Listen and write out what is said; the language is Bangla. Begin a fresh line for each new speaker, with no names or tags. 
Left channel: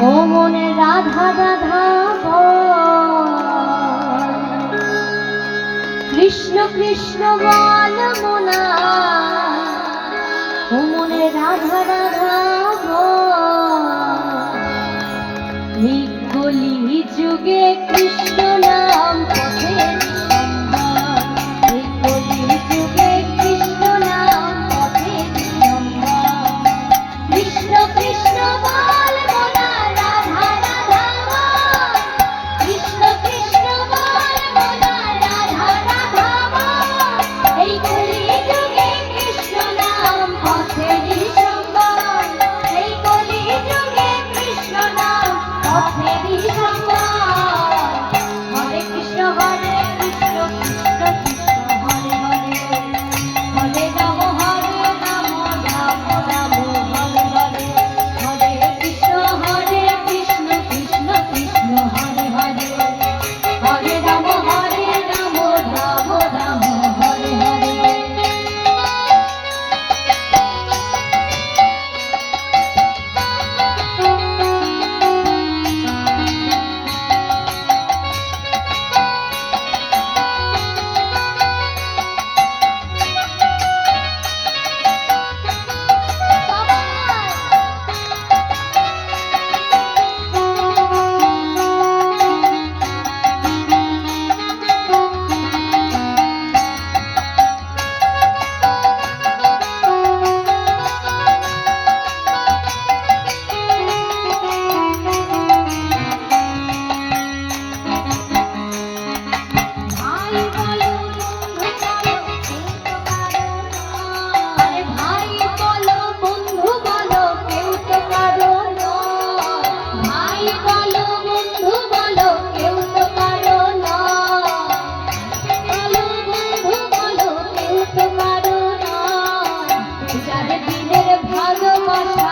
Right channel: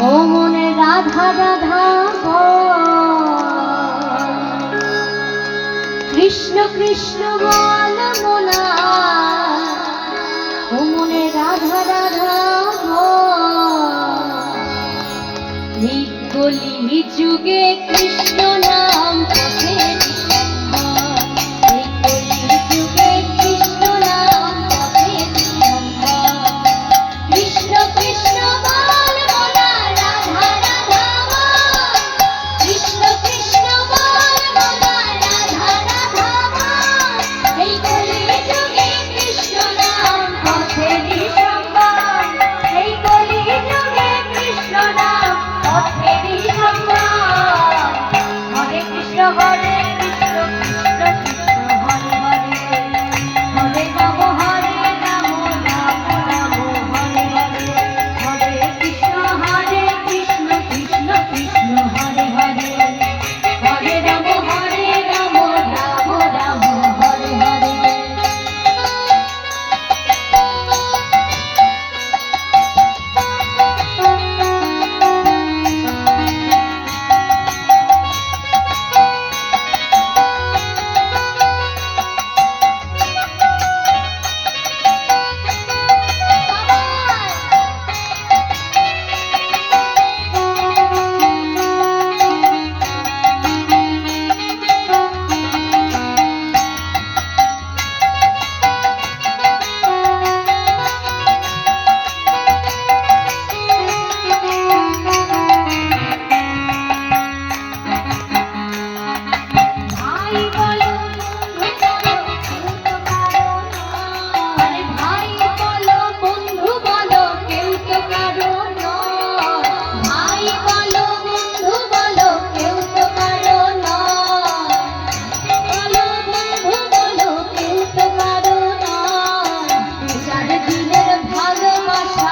ও মনে কৃষ্ণ কৃষ্ণ বল মোনা মনে রাধা রাধা। যুগে কৃষ্ণ paixão.